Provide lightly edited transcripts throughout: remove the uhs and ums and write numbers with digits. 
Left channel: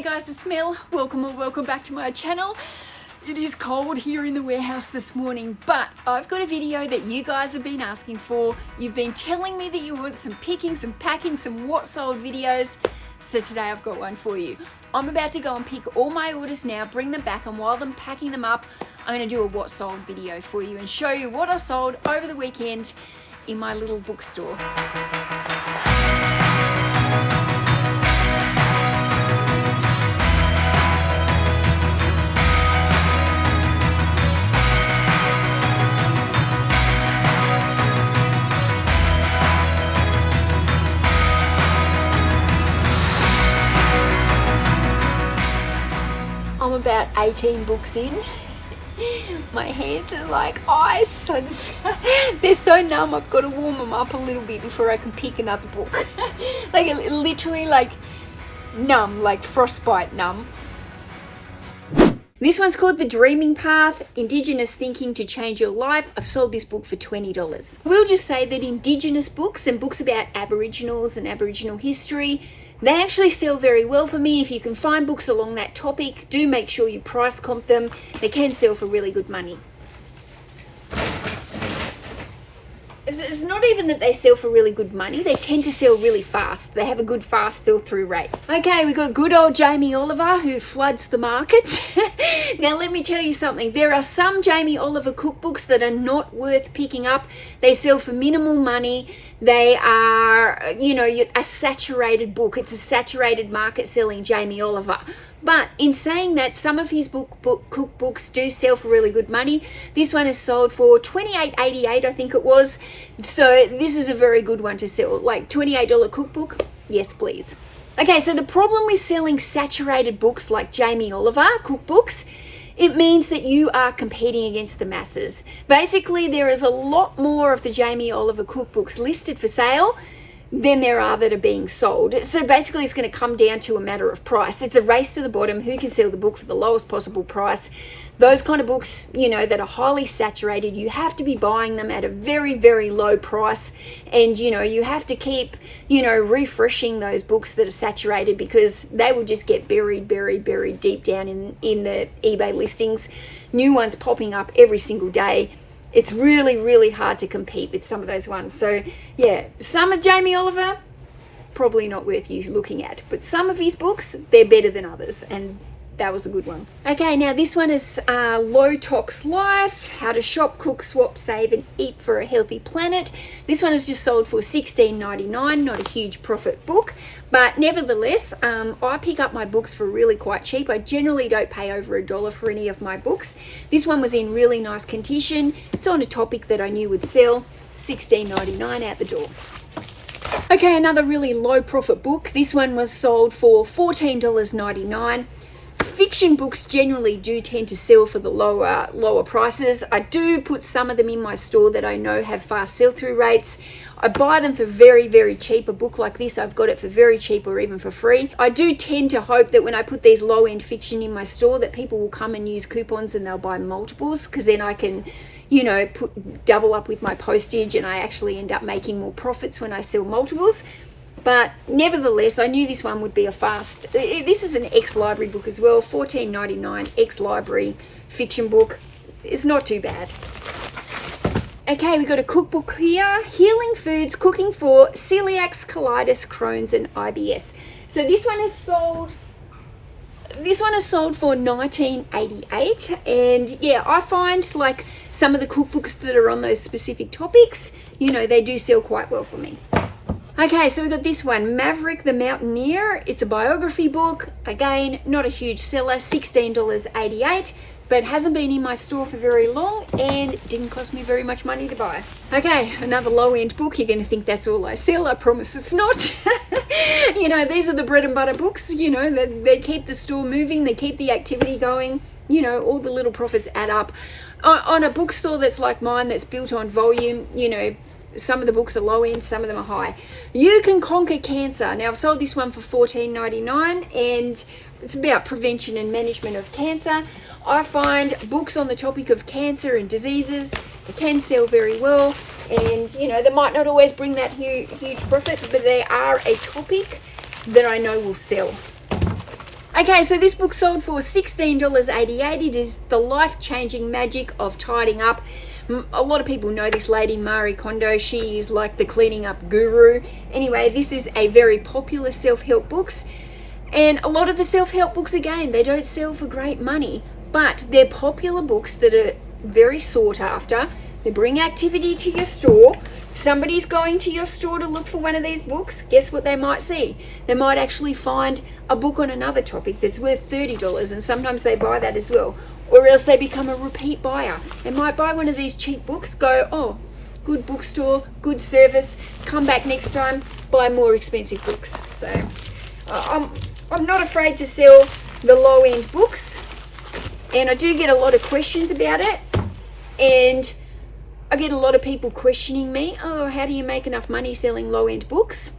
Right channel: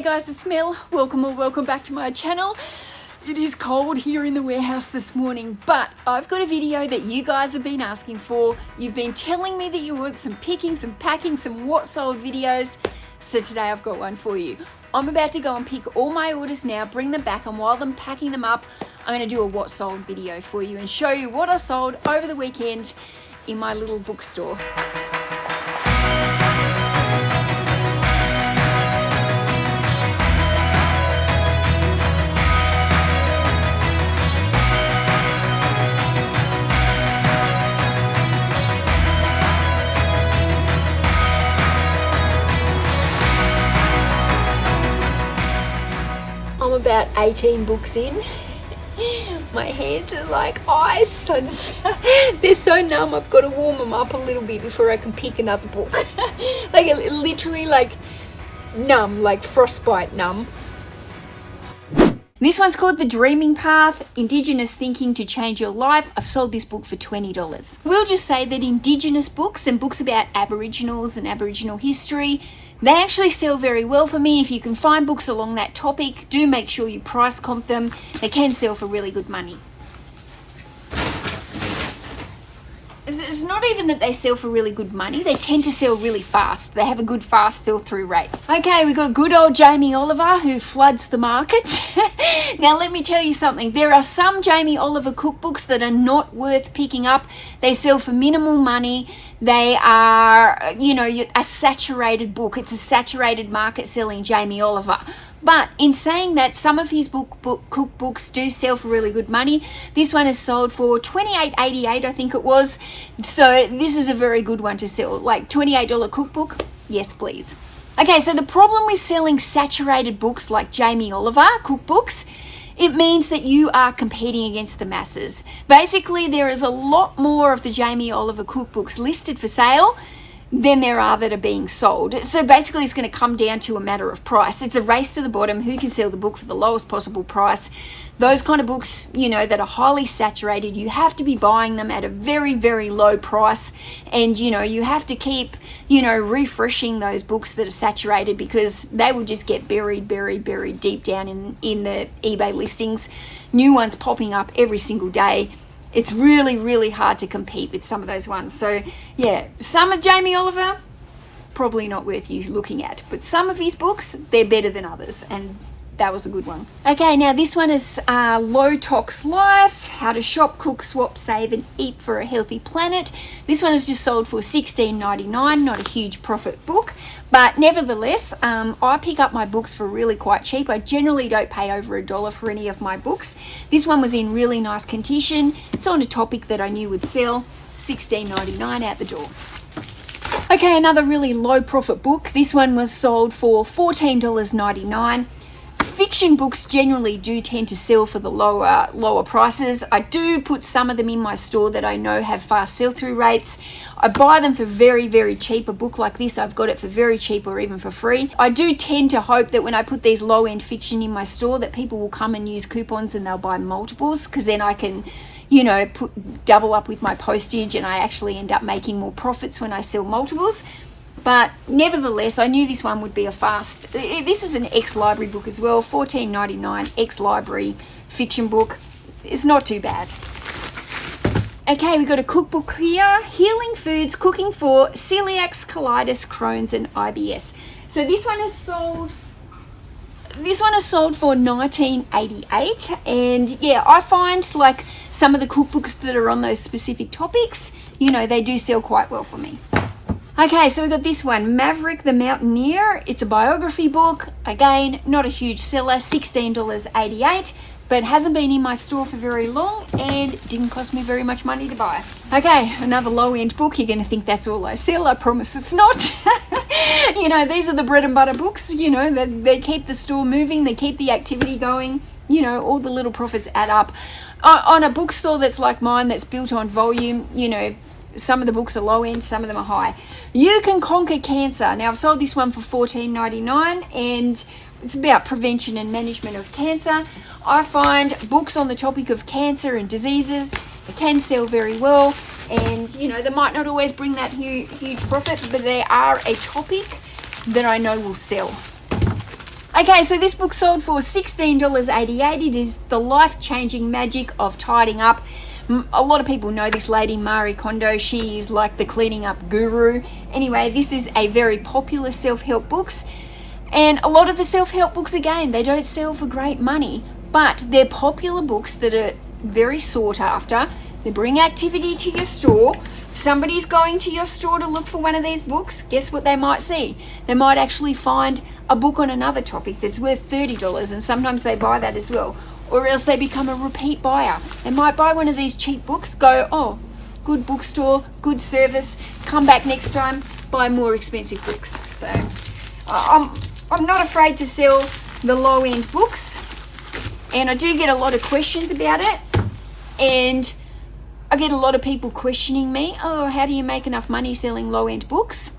Hey guys, it's Mel. Welcome back to my channel. It is cold here in the warehouse this morning, but I've got a video that you guys have been asking for. You've been telling me that you want some picking, some packing, some what sold videos. So today I've got one for you. I'm about to go and pick all my orders now, bring them back, and while I'm packing them up, I'm going to do a what sold video for you and show you what I sold over the weekend in my little bookstore. I'm about 18 books in. My hands are like ice. They're so numb. I've got to warm them up a little bit before I can pick another book. Like literally like numb, like frostbite numb. This one's called The Dreaming Path, Indigenous Thinking to Change Your Life. I've sold this book for $20. We'll just say that Indigenous books and books about Aboriginals and Aboriginal history, they actually sell very well for me. If you can find books along that topic, do make sure you price comp them. They can sell for really good money. It's not even that they sell for really good money. They tend to sell really fast. They have a good fast sell-through rate. Okay, we've got good old Jamie Oliver who floods the market. Now, let me tell you something. There are some Jamie Oliver cookbooks that are not worth picking up. They sell for minimal money. They are, you know, a saturated book. It's a saturated market selling Jamie Oliver. But in saying that, some of his cookbooks do sell for really good money. This one is sold for $28.88, I think it was. So this is a very good one to sell. Like $28 cookbook, yes please. Okay, so the problem with selling saturated books like Jamie Oliver cookbooks, it means that you are competing against the masses. Basically, there is a lot more of the Jamie Oliver cookbooks listed for sale than there are that are being sold. So basically, it's going to come down to a matter of price. It's a race to the bottom. Who can sell the book for the lowest possible price? Those kind of books, you know, that are highly saturated, you have to be buying them at a very, very low price. And, you know, you have to keep, you know, refreshing those books that are saturated because they will just get buried deep down in the eBay listings. New ones popping up every single day. It's really, really hard to compete with some of those ones. So, yeah, some of Jamie Oliver, probably not worth you looking at. But some of his books, they're better than others. And that was a good one. Okay, now this one is Low Tox Life, How to Shop, Cook, Swap, Save and Eat for a Healthy Planet. This one is just sold for $16.99, not a huge profit book. But nevertheless, I pick up my books for really quite cheap. I generally don't pay over $1 for any of my books. This one was in really nice condition. It's on a topic that I knew would sell. $16.99 out the door. Okay, another really low profit book. This one was sold for $14.99. Fiction books generally do tend to sell for the lower prices. I do put some of them in my store that I know have fast sell-through rates. I buy them for very, very cheap. A book like this, I've got it for very cheap or even for free. I do tend to hope that when I put these low-end fiction in my store that people will come and use coupons and they'll buy multiples, because then I can, you know, double up with my postage and I actually end up making more profits when I sell multiples. But nevertheless, I knew this one would be a fast. This is an ex-library book as well, $14.99, ex-library fiction book. It's not too bad. Okay, we've got a cookbook here, Healing Foods, Cooking for Celiacs, Colitis, Crohn's and IBS. So this one is sold for $19.88, and yeah, I find like some of the cookbooks that are on those specific topics, you know, they do sell quite well for me. Okay, so we've got this one, Maverick the Mountaineer. It's a biography book. Again, not a huge seller, $16.88, but hasn't been in my store for very long and didn't cost me very much money to buy. Okay, another low-end book. You're going to think that's all I sell. I promise it's not. You know, these are the bread and butter books. You know, they keep the store moving. They keep the activity going. You know, all the little profits add up. On a bookstore that's like mine, that's built on volume, you know, some of the books are low end, some of them are high. You Can Conquer Cancer. Now, I've sold this one for $14.99 and it's about prevention and management of cancer. I find books on the topic of cancer and diseases, they can sell very well. And, you know, they might not always bring that huge profit, but they are a topic that I know will sell. Okay, so this book sold for $16.88. It is The Life-Changing Magic of Tidying Up. A lot of people know this lady, Marie Kondo. She is like the cleaning up guru. Anyway, this is a very popular self-help books. And a lot of the self-help books, again, they don't sell for great money, but they're popular books that are very sought after. They bring activity to your store. If somebody's going to your store to look for one of these books, guess what they might see? They might actually find a book on another topic that's worth $30, and sometimes they buy that as well. Or else they become a repeat buyer. They might buy one of these cheap books, go, oh, good bookstore, good service, come back next time, buy more expensive books. So I'm not afraid to sell the low-end books, and I do get a lot of questions about it, and I get a lot of people questioning me, oh, how do you make enough money selling low-end books?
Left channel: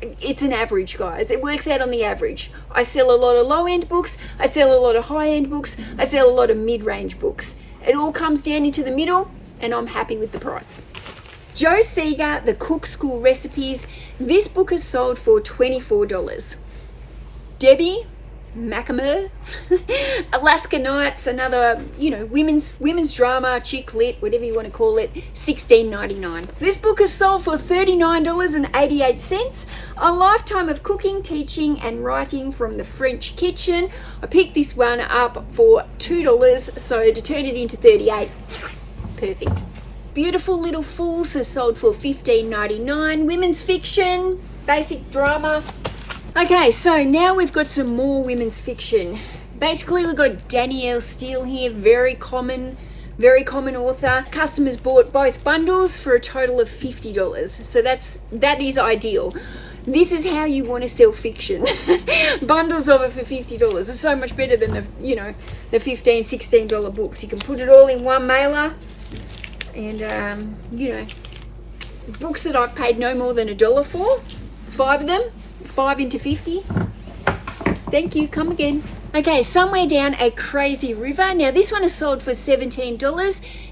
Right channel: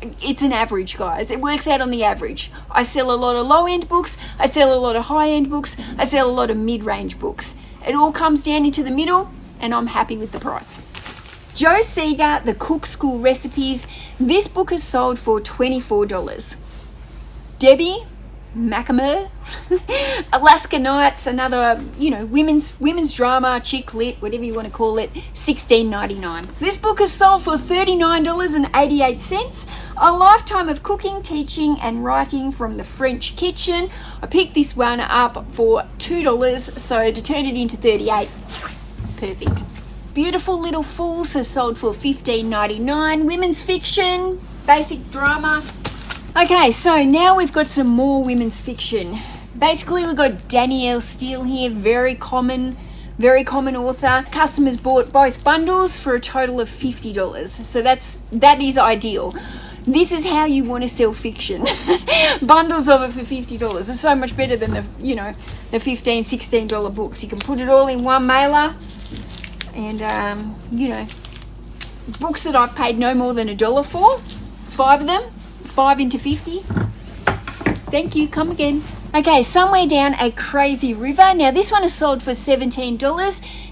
It's an average, guys. It works out on the average. I sell a lot of low-end books, I sell a lot of high-end books, I sell a lot of mid-range books. It all comes down into the middle, and I'm happy with the price. Joe Seeger, The Cook School Recipes. This book is sold for $24. Debbie Macamur, Alaska Nights, another, women's drama, chick lit, whatever you want to call it, $16.99. This book is sold for $39.88. A lifetime of cooking, teaching, and writing from the French kitchen. I picked this one up for $2, so to turn it into 38, perfect. Beautiful Little Fools is sold for $15.99. Women's fiction, basic drama. Okay, so now we've got some more women's fiction. Basically, we've got Danielle Steele here, very common author. Customers bought both bundles for a total of $50. So that is ideal. This is how you want to sell fiction. Bundles of it for $50. It's so much better than the $15, $16 books. You can put it all in one mailer, and books that I've paid no more than $1 for, 5 of them. 5 into 50. Thank you, come again. Okay, Somewhere Down a Crazy River. Now this one is sold for $17.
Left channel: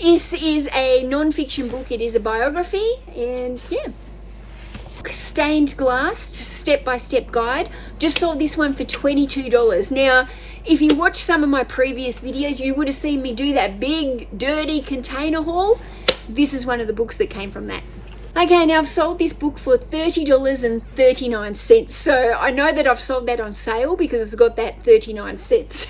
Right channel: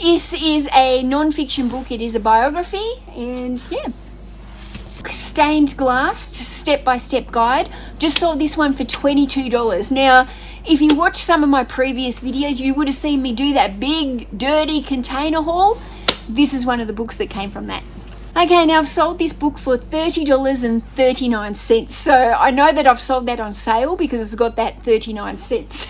This is a non-fiction book. It is a biography, and yeah. Stained Glass, step-by-step guide. Just sold this one for $22. Now, if you watch some of my previous videos, you would have seen me do that big, dirty container haul. This is one of the books that came from that. Okay, now I've sold this book for $30.39. So I know that I've sold that on sale because it's got that 39 cents.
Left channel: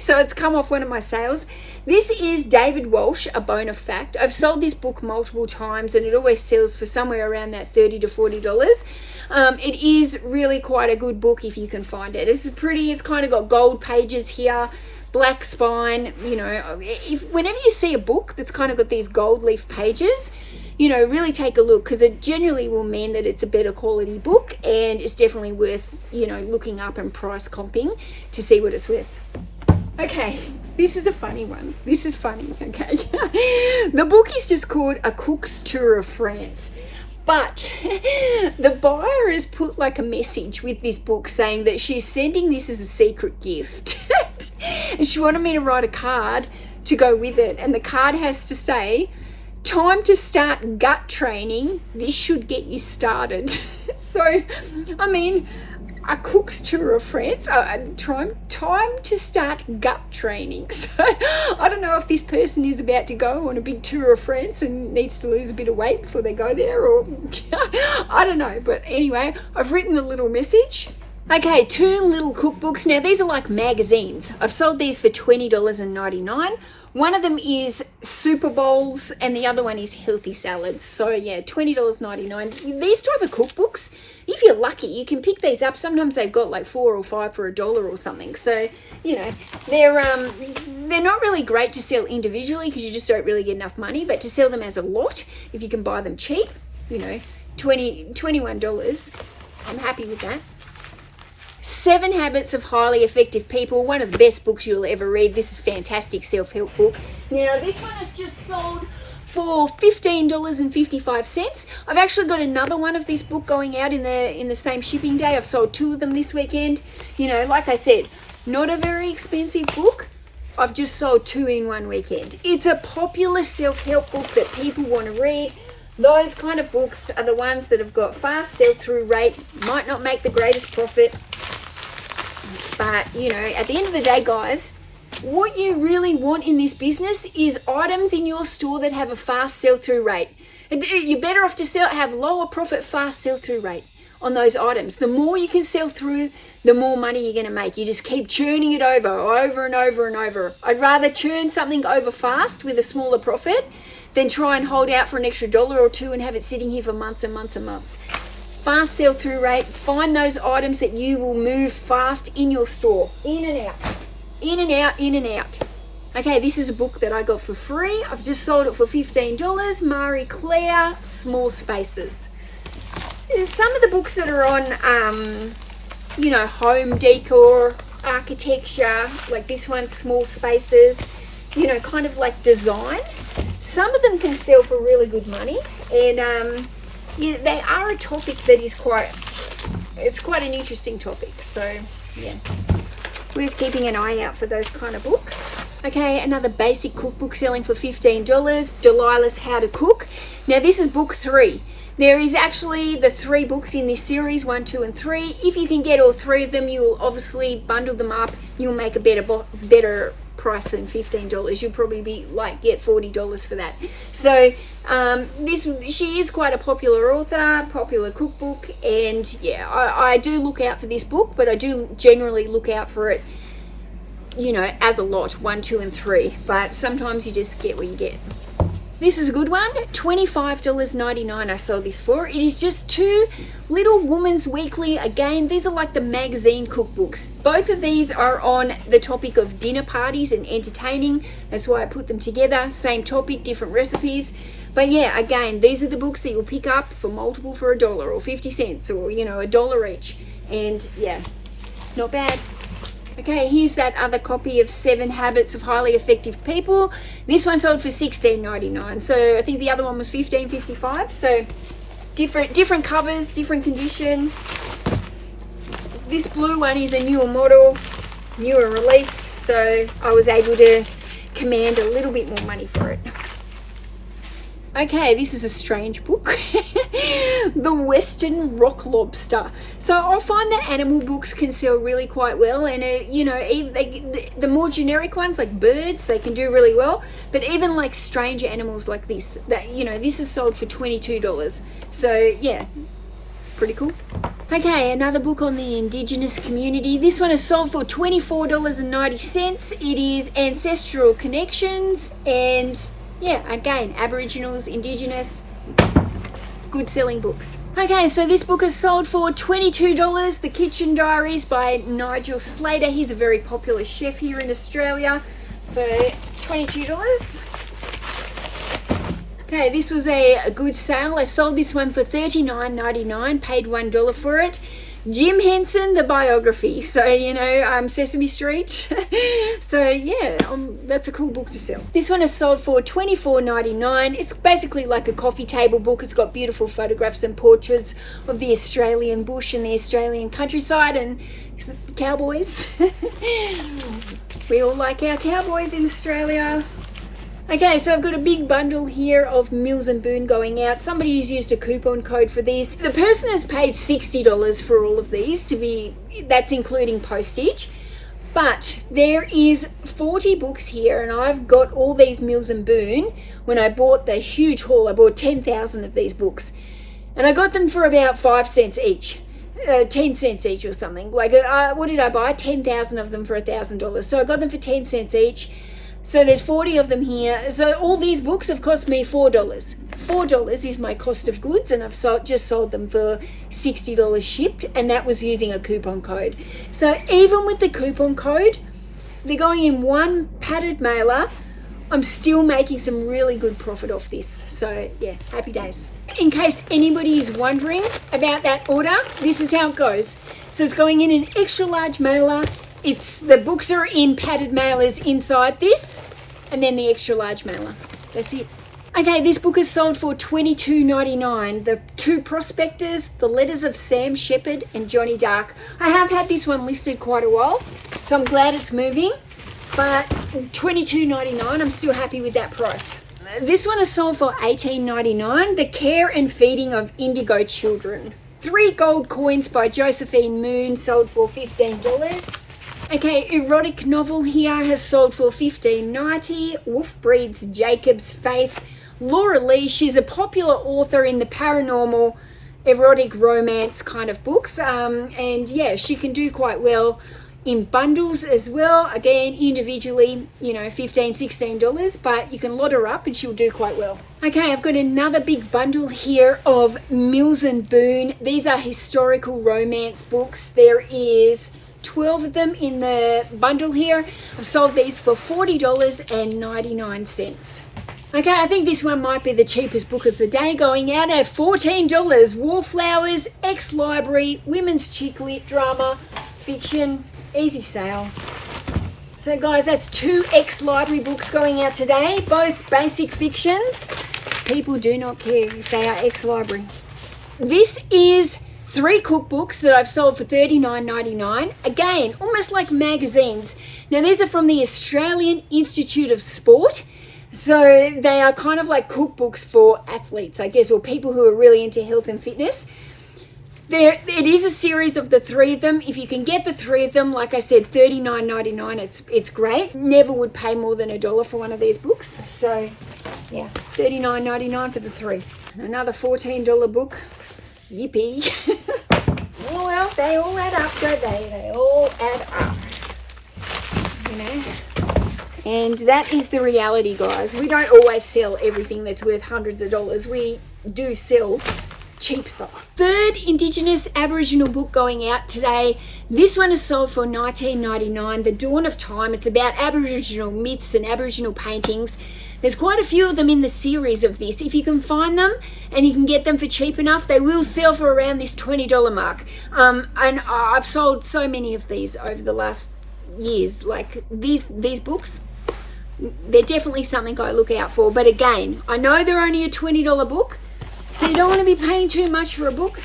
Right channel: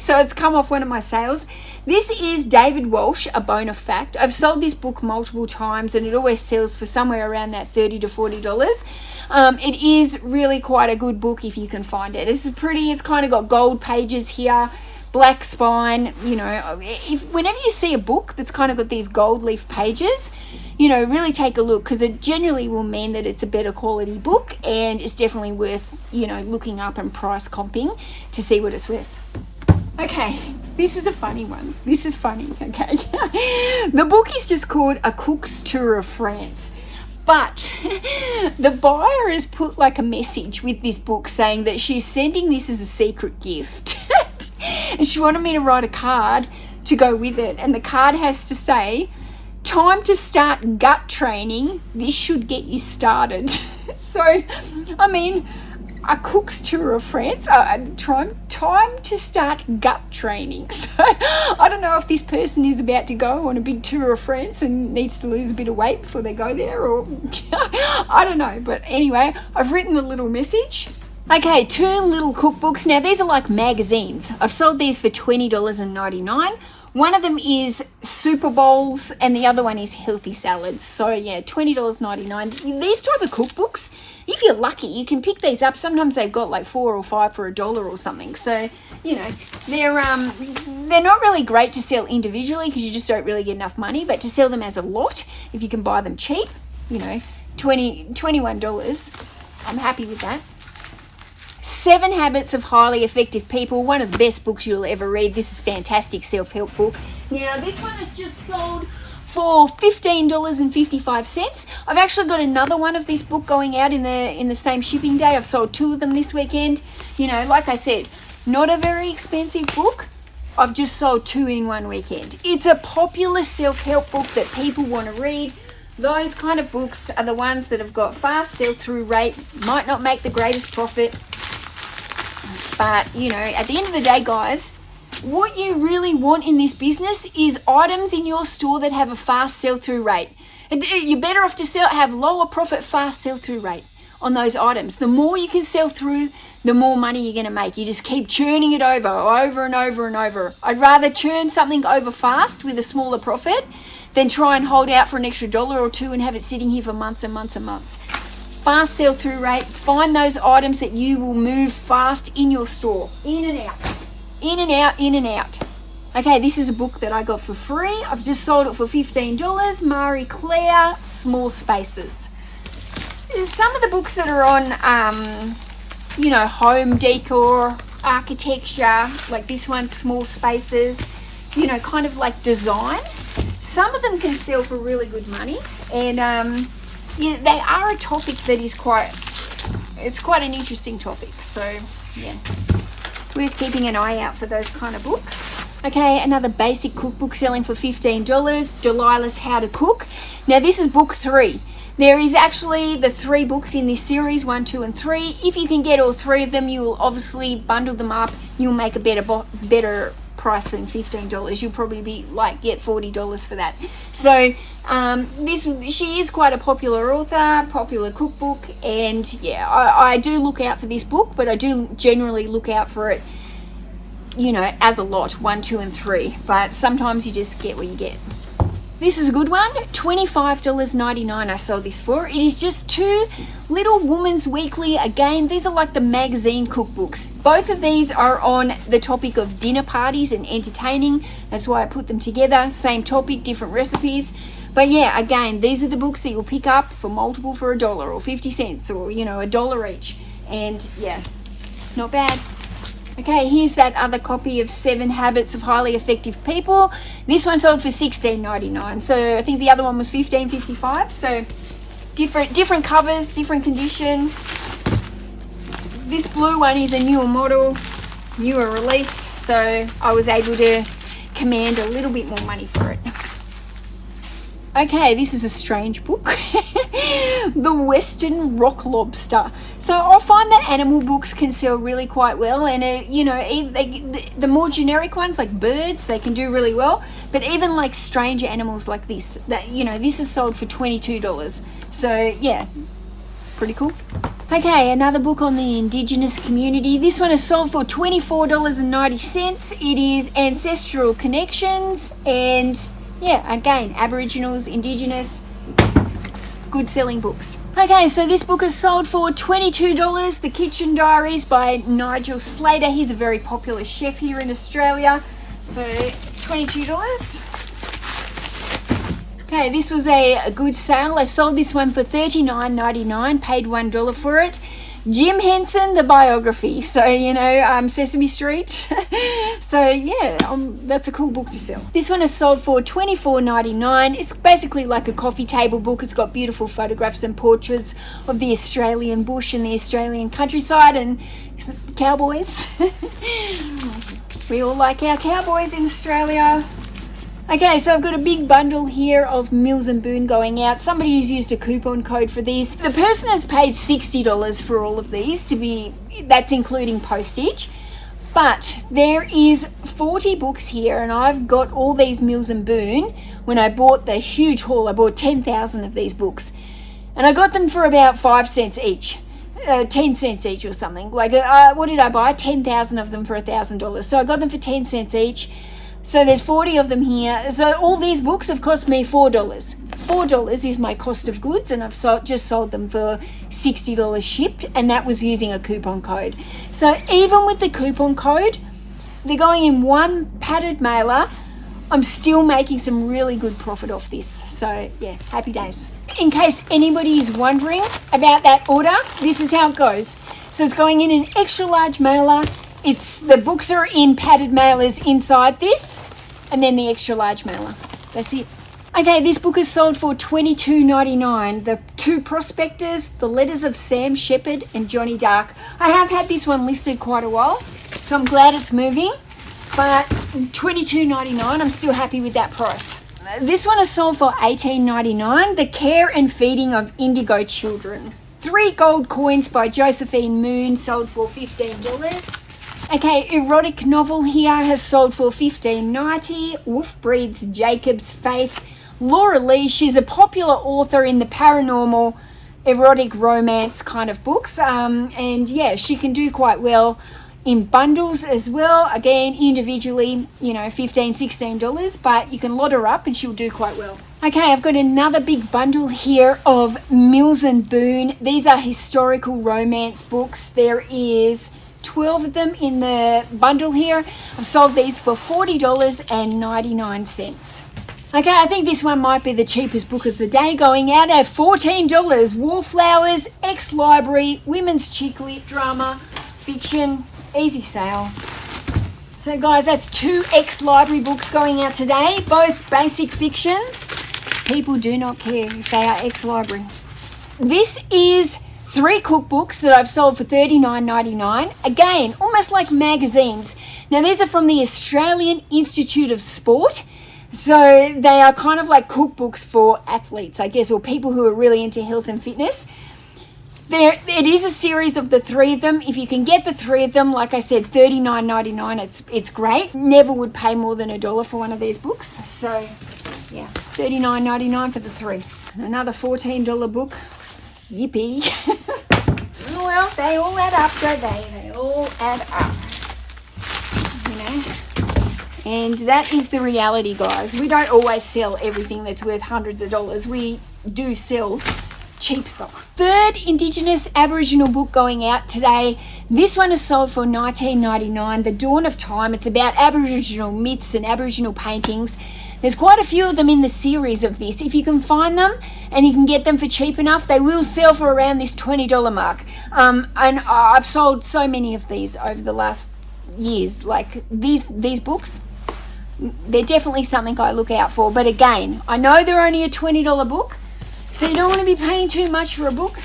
So it's come off one of my sales. This is David Walsh, A Bone of Fact. I've sold this book multiple times, and it always sells for somewhere around that $30 to $40. It is really quite a good book if you can find it. It's pretty, it's kind of got gold pages here, black spine. Whenever you see a book that's kind of got these gold leaf pages, really take a look, because it generally will mean that it's a better quality book, and it's definitely worth, looking up and price comping to see what it's worth. Okay, this is a funny one. This is funny, okay? The book is just called A Cook's Tour of France. But the buyer has put like a message with this book saying that she's sending this as a secret gift. And she wanted me to write a card to go with it. And the card has to say, time to start gut training. This should get you started. So, I mean, A Cook's Tour of France. Time to start gut training. So, I don't know if this person is about to go on a big tour of France and needs to lose a bit of weight before they go there, or I don't know. But anyway, I've written a little message. Okay, 2 little cookbooks. Now, these are like magazines. I've sold these for $20.99. One of them is Super Bowls, and the other one is Healthy Salads. So, yeah, $20.99. These type of cookbooks, if you're lucky, you can pick these up. Sometimes they've got like 4 or 5 for $1 or something. So, they're not really great to sell individually because you just don't really get enough money. But to sell them as a lot, if you can buy them cheap, $21, I'm happy with that. 7 Habits of Highly Effective People, one of the best books you'll ever read. This is a fantastic self-help book. Now, this one is just sold for $15.55. I've actually got another one of this book going out in the same shipping day. I've sold 2 of them this weekend. Like I said, not a very expensive book. I've just sold 2 in one weekend. It's a popular self-help book that people want to read. Those kind of books are the ones that have got fast sell-through rate, might not make the greatest profit, But, you know, at the end of the day, guys, what you really want in this business is items in your store that have a fast sell-through rate. You're better off to have lower profit, fast sell-through rate on those items. The more you can sell through, the more money you're going to make. You just keep churning it over and over and over. I'd rather churn something over fast with a smaller profit than try and hold out for an extra $1 or $2 and have it sitting here for months and months and months. Fast sell-through rate. Find those items that you will move fast in your store. In and out. In and out, in and out. Okay, this is a book that I got for free. I've just sold it for $15. Marie Claire, Small Spaces. There's some of the books that are on, you know, home decor, architecture, like this one, Small Spaces, you know, kind of like design. Some of them can sell for really good money, and yeah, they are a topic that is quite an interesting topic. So yeah, worth keeping an eye out for those kind of books. Okay, another basic cookbook selling for $15. Delilah's How to Cook. Now this is book 3. There is actually the 3 books in this series, 1, 2, and 3. If you can get all 3 of them, you will obviously bundle them up. You'll make a better price than $15. You'll probably be like, get $40 for that. So she is quite a popular author, popular cookbook, and yeah, I do look out for this book, but I do generally look out for it, you know, as a lot, 1, 2, and 3. But sometimes you just get what you get. This is a good one, $25.99 I sold this for. It is just 2 Little Woman's Weekly. Again, these are like the magazine cookbooks. Both of these are on the topic of dinner parties and entertaining. That's why I put them together. Same topic, different recipes. But yeah, again, these are the books that you'll pick up for multiple for $1 or 50 cents or, you know, $1 each. And yeah, not bad. Okay, here's that other copy of 7 Habits of Highly Effective People. This one sold for $16.99. So I think the other one was $15.55. So different covers, different condition. This blue one is a newer model, newer release. So I was able to command a little bit more money for it. Okay, this is a strange book. The Western Rock Lobster. So I find that animal books can sell really quite well, and you know, the more generic ones like birds, they can do really well. But even like strange animals like this, that, you know, this is sold for $22. So yeah, pretty cool. Okay, another book on the Indigenous community. This one is sold for $24.90. It is Ancestral Connections, and yeah, again, Aboriginals, Indigenous, good selling books. Okay, so this book is sold for $22. The Kitchen Diaries by Nigel Slater. He's a very popular chef here in Australia. So $22. Okay, this was a good sale. I sold this one for $39.99, paid $1 for it. Jim Henson, the biography. So, you know, Sesame Street. So, yeah, that's a cool book to sell. This one is sold for $24.99. It's basically like a coffee table book. It's got beautiful photographs and portraits of the Australian bush and the Australian countryside and cowboys. We all like our cowboys in Australia. Okay, so I've got a big bundle here of Mills and Boon going out. Somebody has used a coupon code for these. The person has paid $60 for all of these, that's including postage. But there is 40 books here, and I've got all these Mills and Boon. When I bought the huge haul, I bought 10,000 of these books. And I got them for about 5 cents each. 10 cents each or something. Like, what did I buy? 10,000 of them for $1,000. So I got them for 10 cents each. So there's 40 of them here. So all these books have cost me $4. $4 is my cost of goods, and I've just sold them for $60 shipped, and that was using a coupon code. So even with the coupon code, they're going in one padded mailer. I'm still making some really good profit off this. So yeah, happy days. In case anybody is wondering about that order, this is how it goes. So it's going in an extra large mailer. The books are in padded mailers inside this, and then the extra large mailer. That's it. Okay, this book is sold for $22.99. The 2 Prospectors, The Letters of Sam Shepard and Johnny Dark. I have had this one listed quite a while, so I'm glad it's moving. But $22.99, I'm still happy with that price. This one is sold for $18.99. The Care and Feeding of Indigo Children. 3 Gold Coins by Josephine Moon sold for $15. Okay, erotic novel here has sold for $15.90. Wolf Breeds Jacob's Faith. Laura Lee, she's a popular author in the paranormal, erotic romance kind of books. And yeah, she can do quite well in bundles as well. Again, individually, you know, $15, $16, but you can lot her up and she'll do quite well. Okay, I've got another big bundle here of Mills and Boon. These are historical romance books. There is 12 of them in the bundle here. I've sold these for $40.99. Okay, I think this one might be the cheapest book of the day, going out at $14. Wallflowers, ex-library, women's chick lit drama, fiction, easy sale. So guys, that's 2 ex-library books going out today, both basic fictions. People do not care if they are ex-library. This is 3 cookbooks that I've sold for $39.99. Again, almost like magazines. Now these are from the Australian Institute of Sport. So they are kind of like cookbooks for athletes, I guess, or people who are really into health and fitness. It is a series of the 3 of them. If you can get the 3 of them, like I said, $39.99, it's great. Never would pay more than $1 for one of these books. So yeah, $39.99 for the 3. And another $14 book. Yippee. Oh, well, they all add up, don't they? They all add up. You know? And that is the reality, guys. We don't always sell everything that's worth hundreds of dollars. We do sell cheap stuff. 3rd Indigenous Aboriginal book going out today. This one is sold for $19.99. The Dawn of Time. It's about Aboriginal myths and Aboriginal paintings. There's quite a few of them in the series of this. If you can find them and you can get them for cheap enough, they will sell for around this $20 mark. And I've sold so many of these over the last years. Like these books, they're definitely something I look out for. But again, I know they're only a $20 book, so you don't want to be paying too much for a book.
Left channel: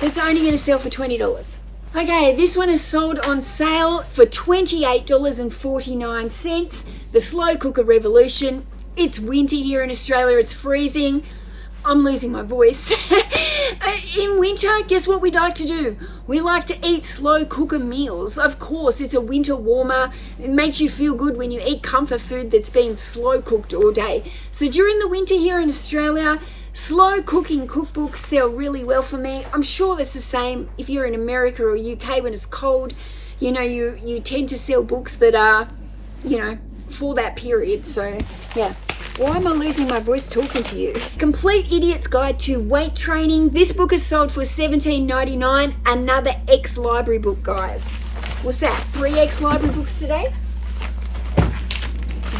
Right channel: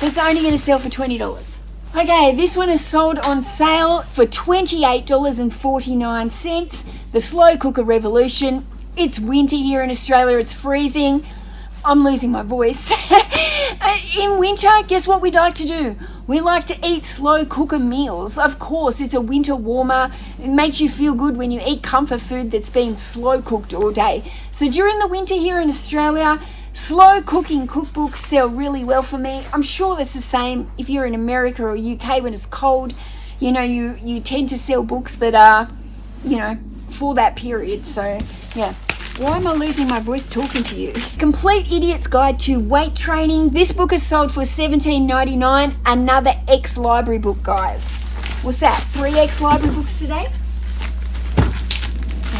It's only going to sell for $20. Okay, this one is sold on sale for $28.49. The Slow Cooker Revolution. It's winter here in Australia. It's freezing. I'm losing my voice. In winter, guess what we like to do? We like to eat slow cooker meals. Of course, it's a winter warmer. It makes you feel good when you eat comfort food that's been slow cooked all day. So during the winter here in Australia, slow cooking cookbooks sell really well for me. I'm sure that's the same if you're in America or UK when it's cold. You know, you tend to sell books that are, you know, for that period. So yeah, why am I losing my voice talking to you? Complete Idiot's Guide to Weight Training. This book is sold for $17.99. Another ex-library book, guys. What's that? 3 ex-library books today?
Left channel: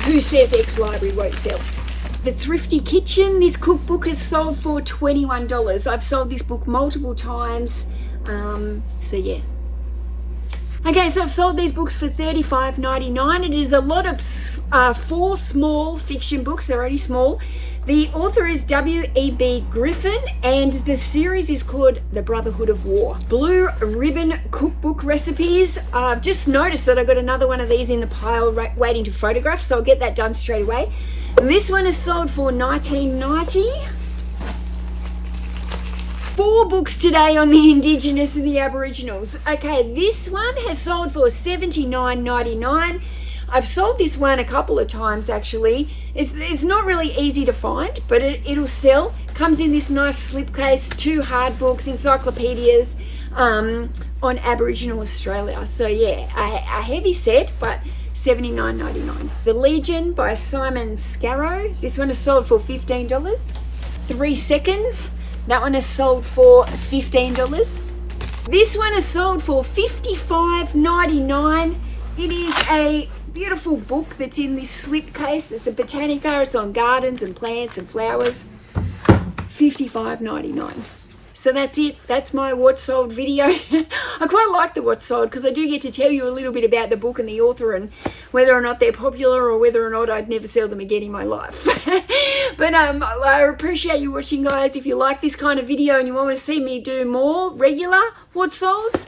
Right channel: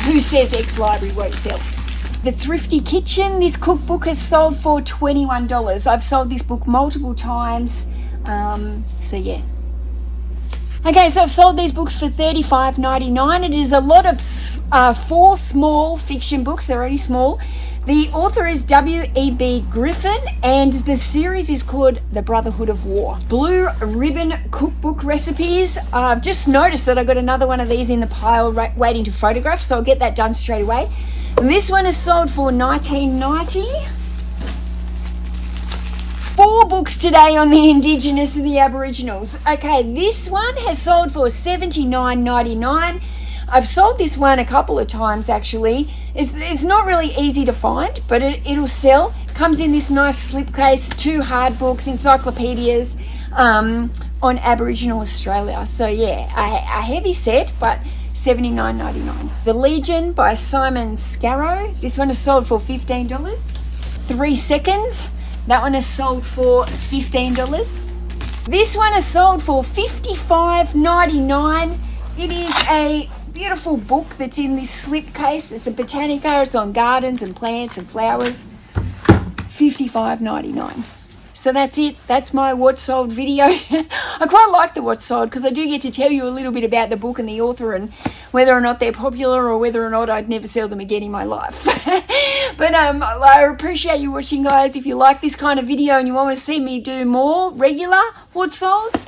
Who says ex-library won't sell? The Thrifty Kitchen. This cookbook has sold for $21. I've sold this book multiple times. So yeah. Okay, so I've sold these books for $35.99. It is a lot of 4 small fiction books. They're only small. The author is W.E.B. Griffin, and the series is called The Brotherhood of War. Blue Ribbon Cookbook Recipes. I've just noticed that I got another one of these in the pile waiting to photograph, so I'll get that done straight away. This one is sold for $19.90. 4 books today on the Indigenous and the Aboriginals. Okay, this one has sold for $79.99. I've sold this one a couple of times actually. It's not really easy to find, but it'll sell. Comes in this nice slipcase, 2 hard books, encyclopedias on Aboriginal Australia. So yeah, a heavy set, but $79.99. The Legion by Simon Scarrow. This one is sold for $15. 3 Seconds. That one is sold for $15. This one is sold for $55.99. It is a beautiful book that's in this slipcase. It's a Botanica. It's on gardens and plants and flowers. $55.99. So that's it. That's my What's Sold video. I quite like the What's Sold because I do get to tell you a little bit about the book and the author and whether or not they're popular or whether or not I'd never sell them again in my life. But I appreciate you watching, guys. If you like this kind of video and you want to see me do more regular What's Solds,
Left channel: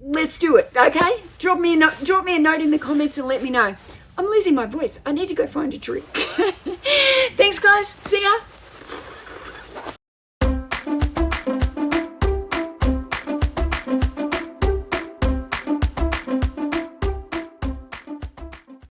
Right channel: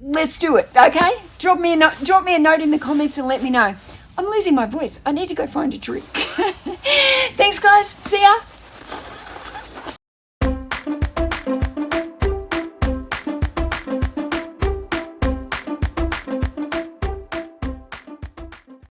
let's do it, okay? Drop me a note in the comments and let me know. I'm losing my voice. I need to go find a drink. Thanks, guys. See ya.